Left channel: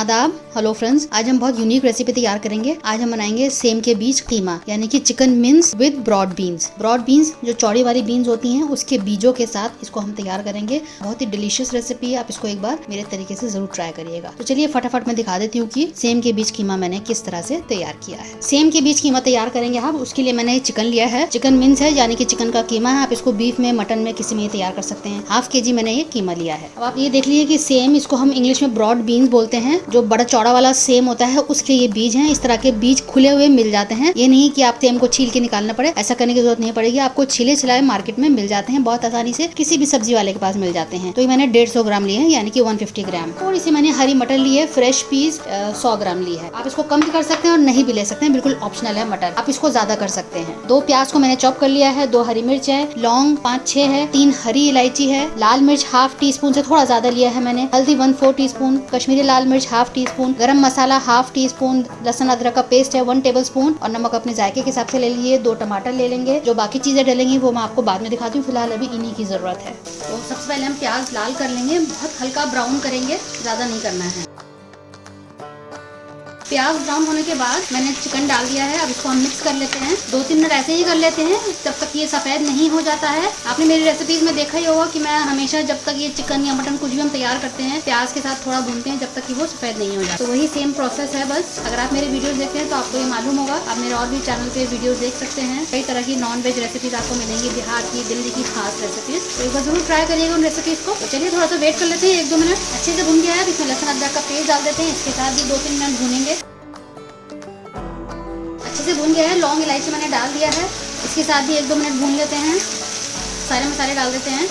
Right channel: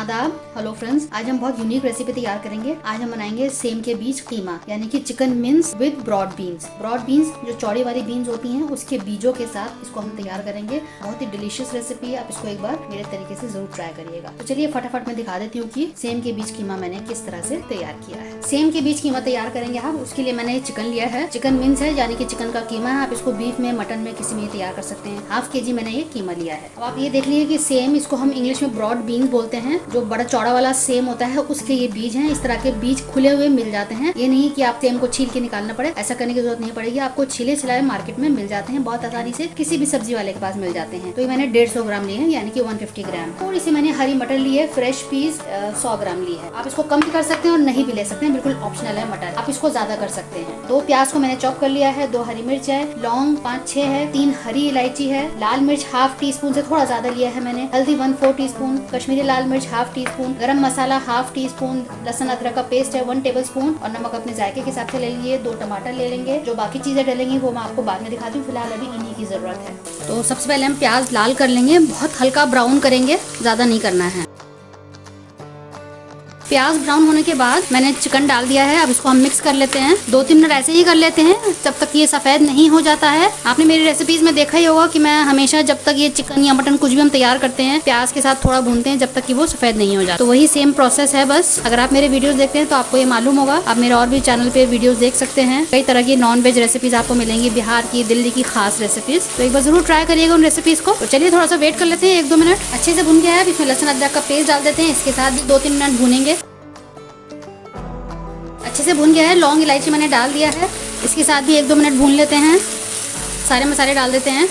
आदाब, hello friends. आज हम बहुत यूनिक रेसिपी तैयार करेंगे। आज हम बनाएंगे सेम के बीज कीमा, यानी कि chicken mince with broad beans. Broad beans जो चौड़ी वाली बीन्स होती हैं उसके बीजों के साथ इसको हम तैयार करेंगे। बहुत ही डिलीशियस रेसिपी है, आप इसको एक बार मेरे तरीके से जरूर ट्राई करिएगा। तो चलिए फटाफट मैं दिखा देती हूँ कि सेम के बीज कीमा मैंने किस तरह से तैयार किया है। सेम के बीज कीमा तैयार करेंगे हम, उसके लिए मैंने चिकन लिया है। चिकन मिन्स है यानी कि चिकन का कीमा है। आप इसको बीफ में, मटन में, किसी में तैयार कर सकते हैं। हाफ केजी मैंने ये कीमा लिया है। अब आप ये देख लीजिए कि सेम, इसको हम इंग्लिश में ब्रॉड बीन्स बोलते हैं। जो बड़ा चौड़ा वाला सेम होता है उसके ये बीज हैं। इस तरह के बीज खुले हुए मिल जाते हैं। ये नहीं कि आप सेम को छील के निकालना पड़े, ऐसा करने की जरूरत नहीं पड़ेगी। आपको छिले छिलाए मार्केट में मिल जाते हैं बहुत आसानी से, किसी भी सब्जी वाले के पास मिल जाते हैं। तो ये मैंने 150 ग्राम लिए हैं, यानी कि 150 ग्राम। थोड़ी सी मैंने हरी मटर ली है, फ्रेश पीस 100 ग्राम ली है। आप इसको कम भी कर सकते हैं और नहीं भी ले सकते हैं, बिल्कुल ऑप्शनल है मटर। आप इसको ज्यादा कर सकते हैं। 2 प्याज को मैंने चॉप कर लिया है, 2 हरी मिर्च है, लौंग 5-6 है, 3 हरी इलायची है, लाल मिर्च हाफ टी स्पून से थोड़ा ज्यादा लिया है मैंने, हल्दी 1/4 टीस्पून, कश्मीरी लाल मिर्च हाफ टी स्पून, गरम मसाला हाफ टी स्पून, लहसुन अदरक का पेस्ट है 1 टेबल स्पून और नमक अपने जायके के हिसाब से ले लीजिए। 2 टमाटर ले लेंगे। जो बाकी चीजें डलेंगी वो मैं आपको बाद में दिखाती हूँ, फिलहाल अभी इन्हीं की जरूरत है। तो सबसे पहले हम प्याज लाल कर लेंगे, बहुत हल्का ब्राउन करेंगे, ज्यादा नहीं करना है। प्याज ब्राउन होने के बाद मैंने चिकन डाल दिया है। अब इसको हम मिक्स कर लेते हैं। 2-3 मिनट ऐसे ही कर लेते हैं जब तक ये सफेद नहीं हो जाता है। आपने मेरी रेसिपीज में देखा ही होगा कि मैं हमेशा जब तक ये चिकन या मटन कुछ भी हम तैयार करते हैं प्याज के साथ थोड़ा भूनते हैं जब तक कि वो सफेद नहीं हो जाता। तो वही सेम प्रोसेस है बस। अगर आप मेरे वीडियोस देखते हैं तो आपको ये मालूम होगा। आप मेरे और भी चैनल पे वीडियोस देख सकते हैं। कई तरह की नॉन वेज रेसिपीज आपको मिलेंगी, बिहार की, दिल्ली की खास रेसिपीज। तो एक बार जरूर ट्राई करिएगा उन रेसिपीज को। तो चलिए थोड़ा सा वेट कर लेते हैं, 1-2 मिनट अच्छे से भून गया है। इसमें लहसुन अदरक का पेस्ट डाल देते हैं, इसके साथ भी 2-3 मिनट भूनेंगे। अच्छे से भून गया है। लौंग इलायची मैंने डाल दिया है, इसके साथ भी 1-2 मिनट भून लेते हैं। सारे मसाले डाल देते हैं,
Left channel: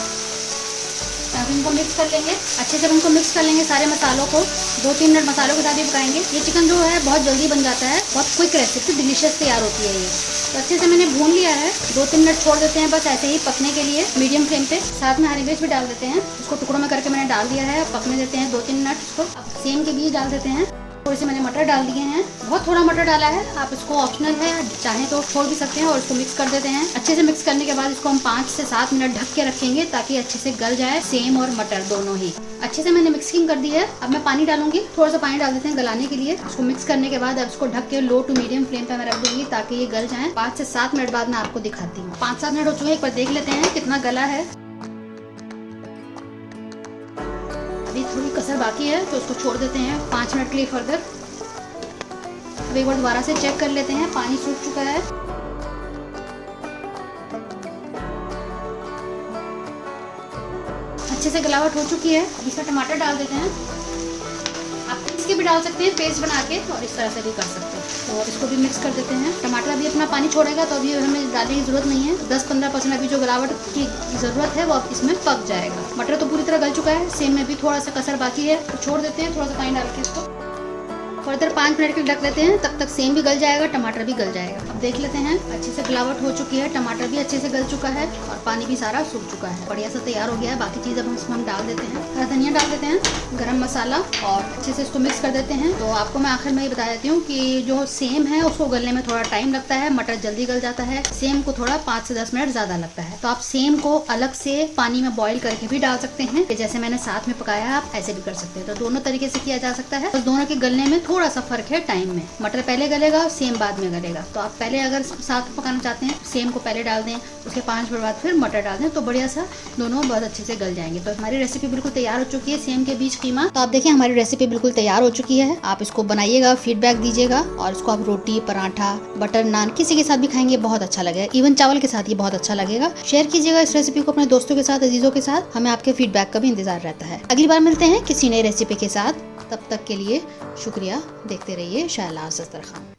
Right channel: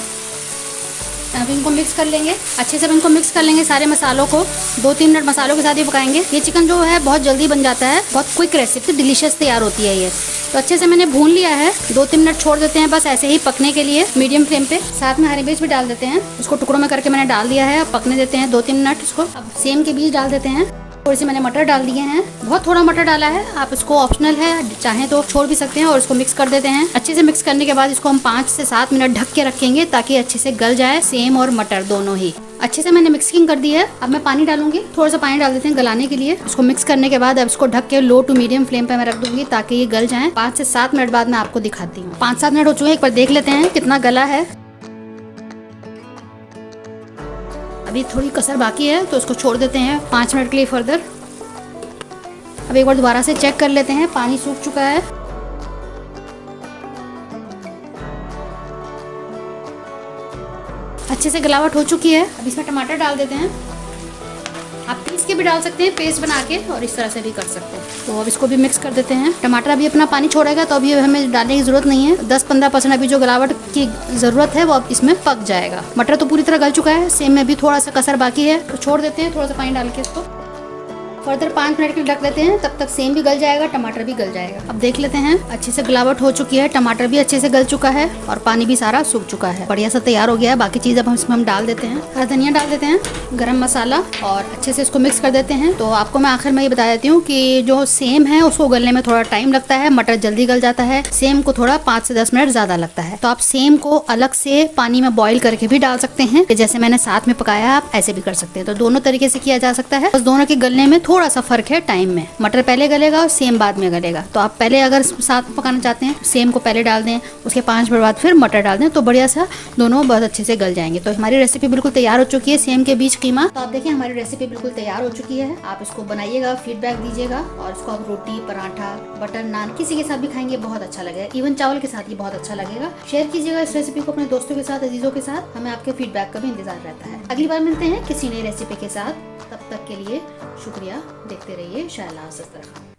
अभी इनको मिक्स कर लेंगे। अच्छे से इनको मिक्स कर लेंगे सारे मसालों को। 2-3 मिनट मसालों के साथ ही पकाएंगे। ये चिकन जो है बहुत जल्दी बन जाता है, बहुत क्विक रेसिपी, डिलीशियस तैयार होती है ये। तो अच्छे से मैंने भून लिया है। 2-3 मिनट छोड़ देते हैं बस ऐसे ही पकने के लिए, मीडियम फ्लेम पे। साथ में हरी मिर्च भी डाल देते हैं, उसको टुकड़ों में करके मैंने डाल दिया है। अब पकने देते हैं 2-3 मिनट इसको। अब सेम के बीज डाल देते हैं। थोड़ी सी मैंने मटर डाल दिए हैं, बहुत थोड़ा मटर डाला है। आप इसको ऑप्शनल है, चाहें तो छोड़ भी सकते हैं। और इसको मिक्स कर देते हैं। अच्छे से मिक्स करने के बाद इसको हम 5 से 7 मिनट ढक के रखेंगे ताकि अच्छे से गल जाए सेम और मटर दोनों ही। अच्छे से मैंने मिक्सिंग कर दी है। अब मैं पानी डालूंगी, थोड़ा सा पानी डाल देते हैं गलाने के लिए। इसको मिक्स करने के बाद अब इसको ढक के लो टू मीडियम फ्लेम पे मैं रख दूंगी ताकि ये गल जाए। 5 से 7 मिनट बाद मैं आपको दिखाती हूँ। 5-7 मिनट हो चुके हैं, एक बार देख लेते हैं कितना गला है। अभी थोड़ी कसर बाकी है तो उसको छोड़ देते हैं 5 मिनट के लिए फर्दर। अब एक बार दोबारा से चेक कर लेते हैं, पानी सूख चुका है। अच्छे से गलावट हो चुकी है। अब इसमें टमाटर डाल देते हैं। आप पीस के भी डाल सकते हैं, पेस्ट बना के, और इस तरह से भी कर सकते हैं। तो अब इसको भी मिक्स कर देते हैं। टमाटर अभी अपना पानी छोड़ेगा तो अभी हमें डालने की जरूरत नहीं है। 10-15% अभी जो गलावट की जरूरत है वो अब इसमें पक जाएगा। मटर तो पूरी तरह गल चुका है, सेम में भी थोड़ा सा कसर बाकी है तो छोड़ देते हैं थोड़ा सा पानी डाल के इसको। फर्दर 5 मिनट के लिए ढक लेते हैं, तब तक सेम भी गल जाएगा, टमाटर भी गल जाएगा। अब देख लेते हैं, अच्छे से गलावट हो चुकी है, टमाटर भी अच्छे से गल चुका है और पानी भी सारा सूख चुका है, बढ़िया सा तैयार हो गया है। बाकी चीज़ अब हम इसमें डाल देते हैं। हरा धनिया डाल देते हैं, गरम मसाला, और अच्छे से इसको मिक्स कर देते हैं। तो आपको मैं आखिर में ये बता देती हूँ कि जो सेम है उसको गलने में थोड़ा टाइम लगता है, मटर जल्दी गल जाता है, सेम को थोड़ा 5 से 10 मिनट ज़्यादा लगता है। तो आप सेम को अलग से पानी में बॉईल करके भी डाल सकते हैं, जैसे मैंने साथ में पकाया, आप ऐसे भी कर सकते हैं। तो दोनों तरीके से किया जा सकता है, बस दोनों के गलने में थोड़ा सा फर्क है टाइम में। मटर पहले गलेगा और सेम बाद में गलेगा। तो आप पहले अगर साथ पकाना चाहते हैं सेम को पहले डाल दें, उसके 5 मिनट बाद फिर मटर डाल दें, तो बढ़िया सा दोनों बहुत अच्छे से गल जाएंगे। तो हमारी रेसिपी बिल्कुल तैयार हो चुकी है, सेम के बीज कीमा। तो आप देखिए हमारी रेसिपी बिल्कुल तैयार हो चुकी है। आप इसको बनाइएगा, फीडबैक दीजिएगा, और इसको आप रोटी, पराठा, बटर नान किसी के साथ भी खाएंगे, बहुत अच्छा लगेगा। इवन चावल के साथ ये बहुत अच्छा लगेगा। शेयर कीजिएगा इस रेसिपी को अपने दोस्तों के साथ, अजीजों के साथ। हमें आपके फीडबैक का भी इंतजार रहता है। अगली बार मिलते हैं किसी नई रेसिपी के साथ। तब तक के लिए शुक्रिया। देखते रहिए शायला।